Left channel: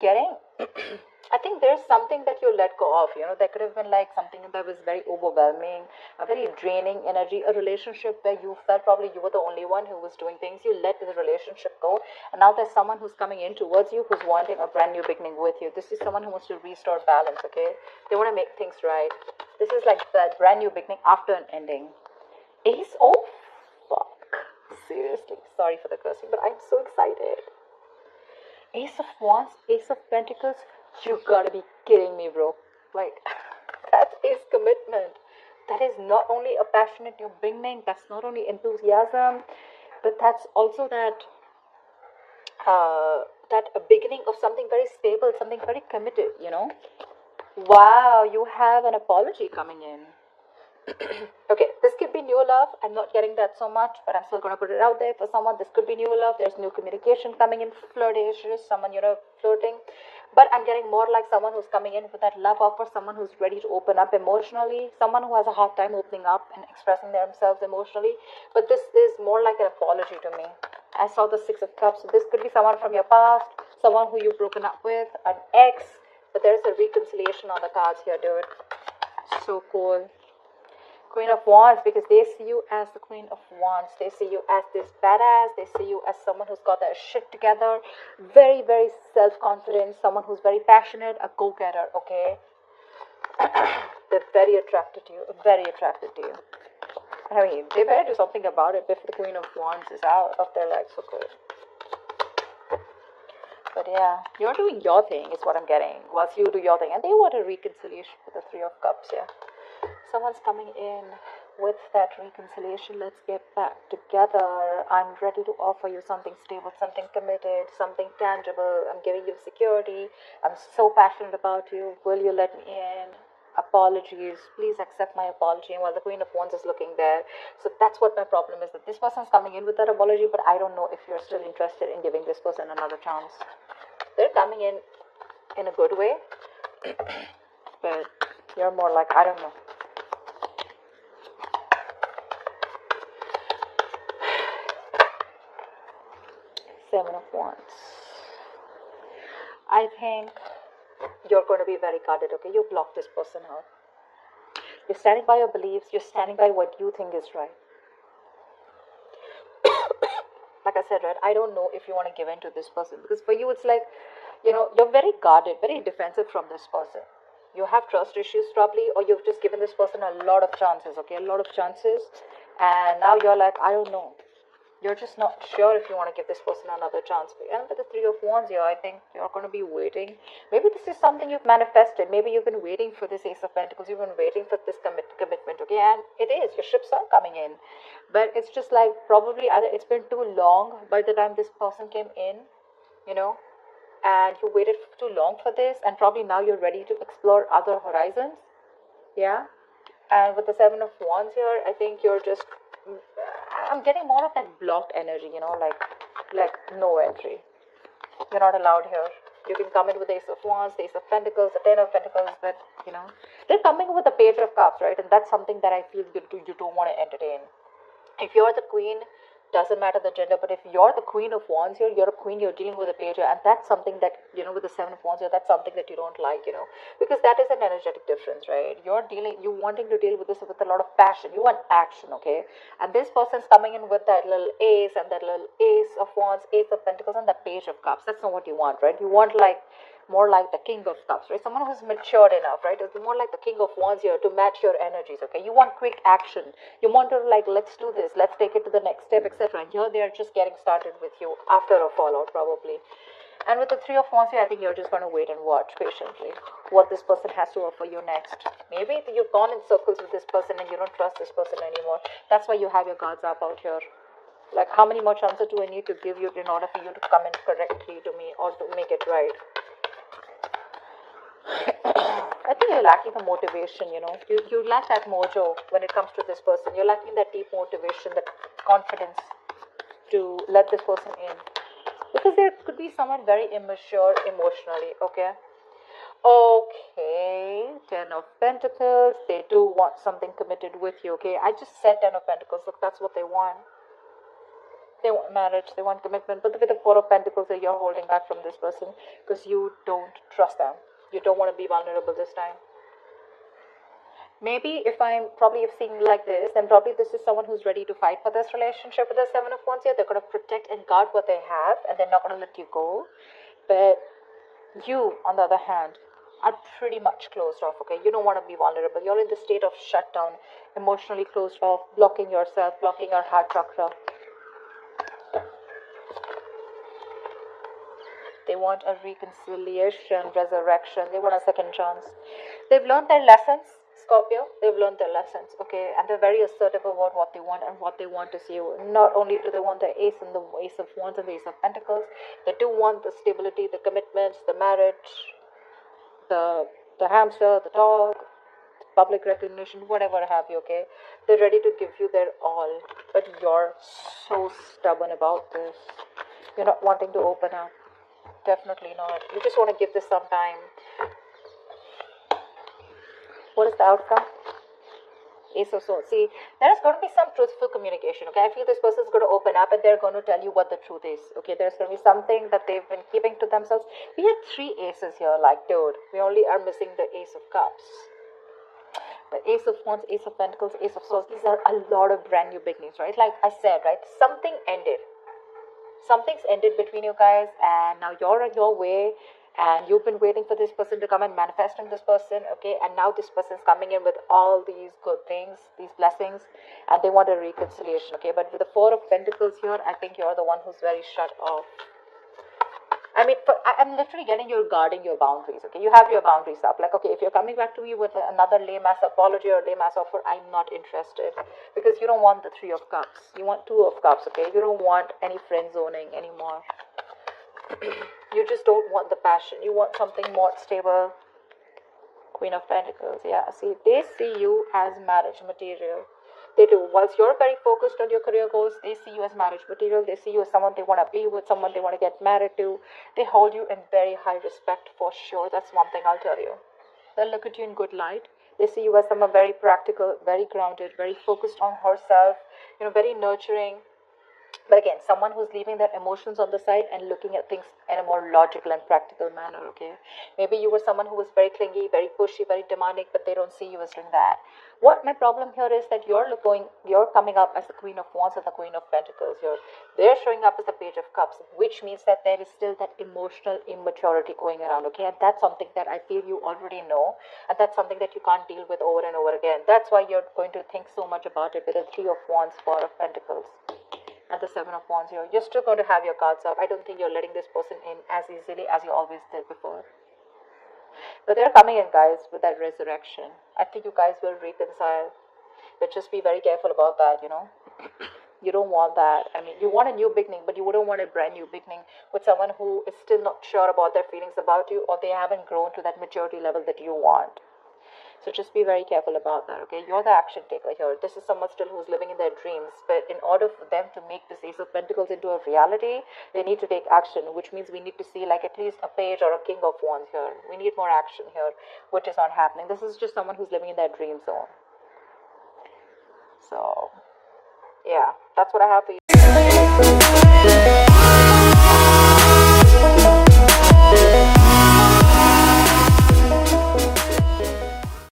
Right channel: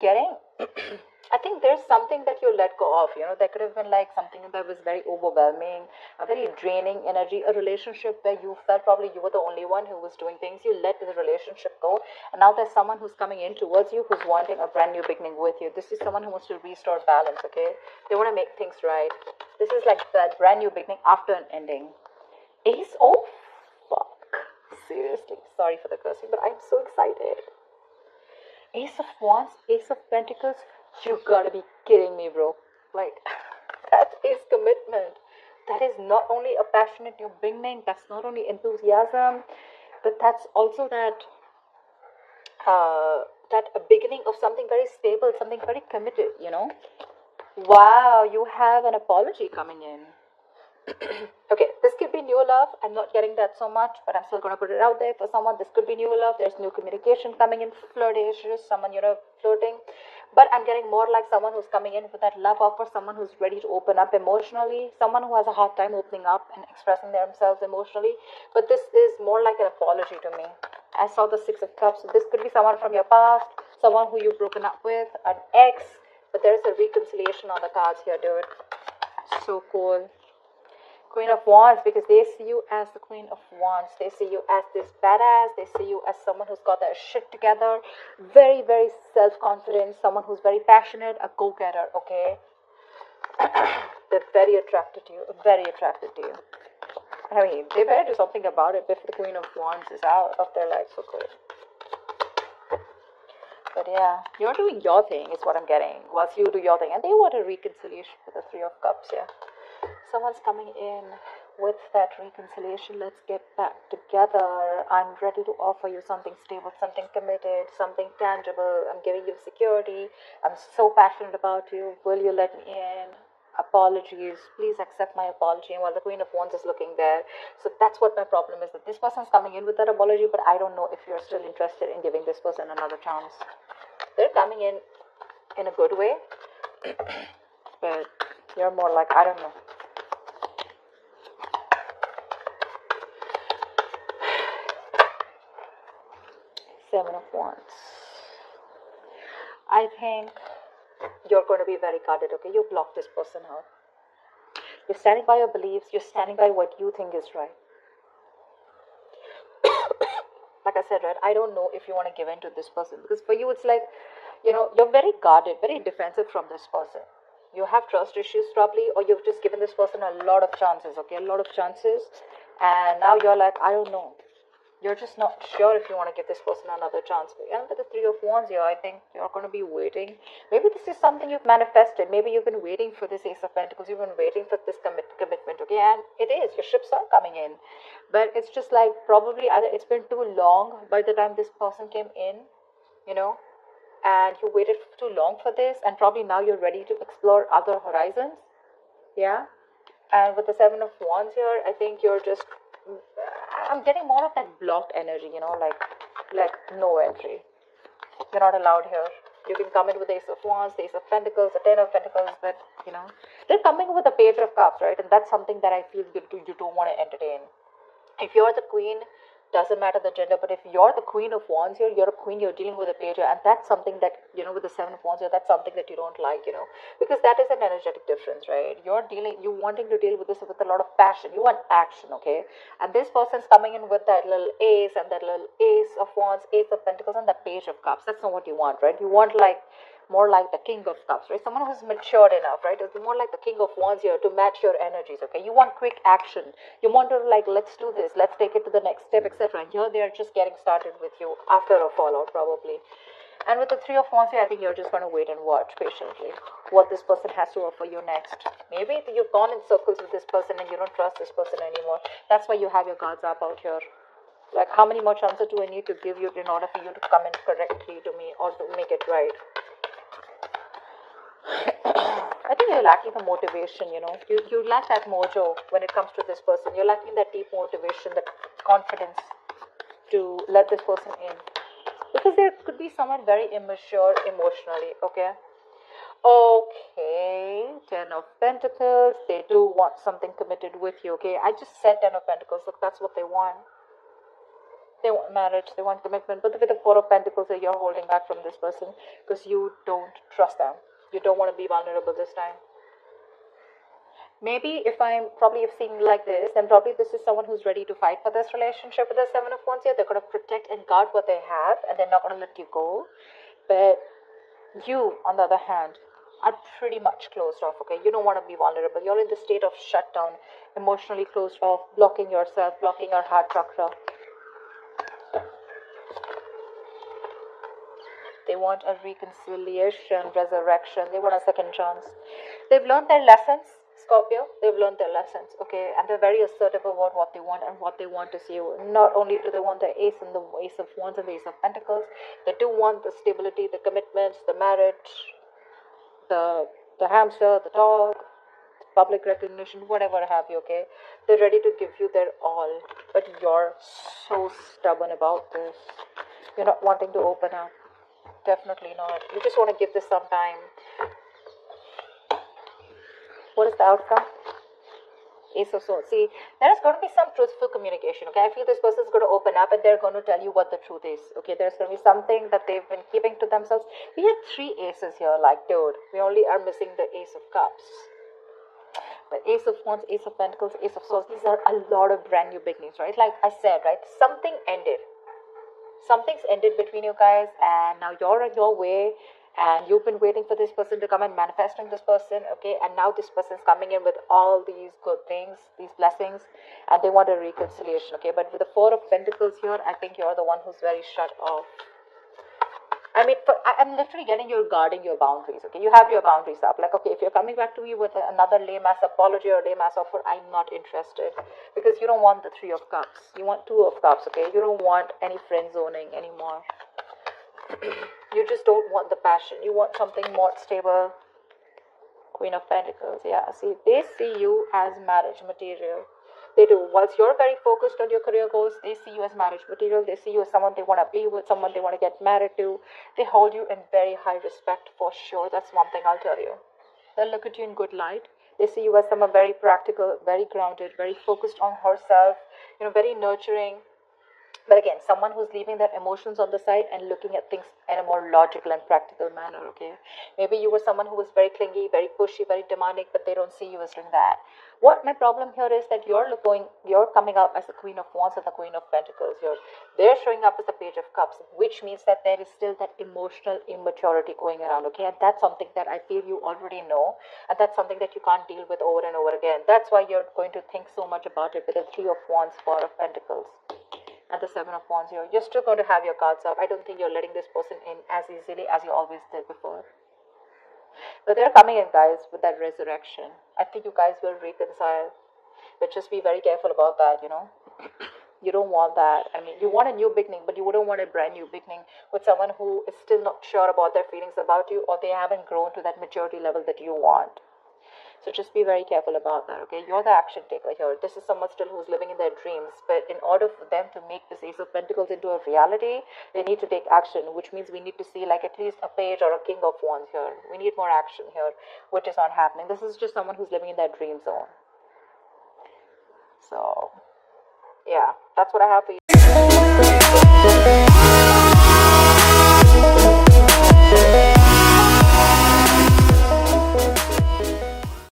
getting I think there's something that you let go of, there could have been like something that was very overwhelming, a very draining energy, a relationship where you felt probably you were the only one who was doing things. You let the relationship go, and now there's someone who's coming in towards you who's wanting a brand new beginning with you. This is someone who wants to restore balance, okay? They want to make things right. This is like a brand new beginning after an ending. Oh, fuck. Seriously, sorry for the cursing, but I'm so excited. Ace of Wands, Ace of Pentacles, you gotta be kidding me, bro. Like, that is commitment. That is not only a passionate new beginning, that's not only enthusiasm, but that's also that a beginning of something very stable, something very committed, Wow, you have an apology coming in. Okay, this could be new love. I'm not getting that so much, but I'm still gonna put it out there for someone. This could be new love. There's new communication coming in, flirtatious, someone flirting. But I'm getting more like someone who's coming in with that love offer, someone who's ready to open up emotionally, someone who has a hard time opening up and expressing themselves emotionally. But this is more like an apology to me. I saw the Six of Cups. This could be someone from your past, someone who you've broken up with, an ex. But there's a reconciliation on the cards here, dude. So cool. Queen of Wands, because they see you as the Queen of Wands. They see you as this badass. They see you as someone who's got their shit together. Very, very self-confident. Someone who's very passionate. A go-getter, okay? They're very attracted to you. Very attracted to you. I mean, they better do something about it before the Queen of Wands is out of their life. So cool. But yeah, you're doing your thing is what I'm getting. Whilst you do your thing. And they want a reconciliation with the Three of Cups, yeah. Someone's coming in with that reconciliation. Let's get back together. I'm ready to offer you something stable, something committed, something tangible. I'm giving you security. I'm so passionate about you. Will you let me in? Apologies. Please accept my apology. And while the Queen of Wands is looking there. So that's what my problem is, that this person's coming in with that apology, but I don't know if you're still interested in giving this person another chance. They're coming in a good way. But you're more like, I don't know. Seven of Wands. I think you're going to be very guarded, okay? You block this person out. You're standing by your beliefs. You're standing by what you think is right. Like I said, right, I don't know if you want to give in to this person, because for you it's like, you're very guarded, very defensive from this person. You have trust issues probably, or you've just given this person a lot of chances, okay? A lot of chances. And now you're like, I don't know. You're just not sure if you want to give this person another chance. Yeah, but the Three of Wands here, I think you're going to be waiting. Maybe this is something you've manifested. Maybe you've been waiting for this Ace of Pentacles. You've been waiting for this commitment, okay? And it is. Your ships are coming in. But it's just like probably either it's been too long by the time this person came in, and you waited too long for this, and probably now you're ready to explore other horizons. Yeah? And with the Seven of Wands here, I think you're just... I'm getting more of that blocked energy, like no entry. You're not allowed here. You can come in with the Ace of Wands, the Ace of Pentacles, the Ten of Pentacles, but, they're coming with the Page of Cups, right? And that's something that I feel you don't want to entertain. If you're the Queen, doesn't matter the gender, but if you're the Queen of Wands here, you're a queen, you're dealing with a page, and that's something that, with the Seven of Wands here, that's something that you don't like, because that is an energetic difference, right? You wanting to deal with this with a lot of passion. You want action, okay? And this person's coming in with that little Ace and that little Ace of Wands, Ace of Pentacles, and that Page of Cups. That's not what you want, right? You want more like the King of Cups, right? Someone who's matured enough, right? It's more like the King of Wands here to match your energies, okay? You want quick action. You want to let's do this, let's take it to the next step, etc. And here they are just getting started with you after a fallout, probably. And with the Three of Wands here, I think you're just going to wait and watch patiently what this person has to offer you next. Maybe you've gone in circles with this person and you don't trust this person anymore. That's why you have your cards up out here. Like, how many more chances do I need to give you in order for you to come in correctly to me or to make it right? I think you're lacking the motivation, You lack that mojo when it comes to this person. You're lacking that deep motivation, that confidence to let this person in. Because there could be someone very immature emotionally, okay? Okay, Ten of Pentacles. They do want something committed with you, okay? I just said Ten of Pentacles. Look, that's what they want. They want marriage, they want commitment, but with the Four of Pentacles, you're holding back from this person because you don't trust them. You don't want to be vulnerable this time. Maybe if you've seen me like this, then probably this is someone who's ready to fight for this relationship with the Seven of Wands here. They're going to protect and guard what they have, and they're not going to let you go. But you, on the other hand, are pretty much closed off, okay? You don't want to be vulnerable. You're in the state of shutdown, emotionally closed off, blocking yourself, blocking your heart chakra. They want a reconciliation, resurrection. They want a second chance. They've learned their lessons, Scorpio. They've learned their lessons, okay? And they're very assertive about what they want and what they want to see. Not only do they want the Ace and the Ace of Wands and the Ace of Pentacles, they do want the stability, the commitments, the marriage, the hamster, the dog, public recognition, whatever have you, okay? They're ready to give you their all, but you're so stubborn about this. You're not wanting to open up. Definitely not. You just want to give this some time. What is the outcome? Ace of Swords. See, there's going to be some truthful communication, okay? I feel this person is going to open up and they're going to tell you what the truth is, okay? There's going to be something that they've been keeping to themselves. We have 3 aces here, like, dude. We only are missing the Ace of Cups. The Ace of Wands, Ace of Pentacles, Ace of Swords. These are a lot of brand new beginnings, right? Like I said, right? Something ended. Something's ended between you guys, and now you're on your way, and you've been waiting for this person to come and manifesting this person, okay? And now this person's coming in with all these good things, these blessings, and they want a reconciliation, okay? But with the Four of Pentacles here, I think you're the one who's very shut off. I mean, I'm literally getting you're guarding your boundaries, okay? You have your boundaries up. Like, okay, if you're coming back to me with another lame-ass apology or lame-ass offer, I'm not interested. Because you don't want the 3 of Cups. You want 2 of Cups, okay? You don't want any friend zoning anymore. You just don't want the passion. You want something more stable. Queen of Pentacles, yeah. See, they see you as marriage material. They do. Whilst you're very focused on your career goals, they see you as marriage material. They see you as someone they want to be with, someone they want to get married to. They hold you in very high respect for sure. That's one thing I'll tell you. They'll look at you in good light. They see you as someone very practical, very grounded, very focused on herself, very nurturing. But again, someone who's leaving their emotions on the side and looking at things in a more logical and practical manner, okay? Maybe you were someone who was very clingy, very pushy, very demanding, but they don't see you as doing that. What my problem here is that you're coming up as the Queen of Wands and the Queen of Pentacles. They're showing up as the Page of Cups, which means that there is still that emotional immaturity going around, okay? And that's something that I feel you already know, and that's something that you can't deal with over and over again. That's why you're going to think so much about it with the 3 of Wands, 4 of Pentacles. And the 7 of Wands here. You're still going to have your cards up. I don't think you're letting this person in as easily as you always did before. But they're coming in, guys, with that resurrection. I think you guys will reconcile. But just be very careful about that, You don't want that. I mean, you want a new beginning, but you wouldn't want a brand new beginning with someone who is still not sure about their feelings about you, or they haven't grown to that maturity level that you want. So just be very careful about that, okay? You're the action taker here. This is someone still who's living in their dreams. But in order for them to make this Ace of Pentacles into a reality, they need to take action, which means we need to see like at least a Page or a King of Wands here. We need more action here, which is not happening. This is just someone who's living in their dream zone. So, yeah, that's what I have for you.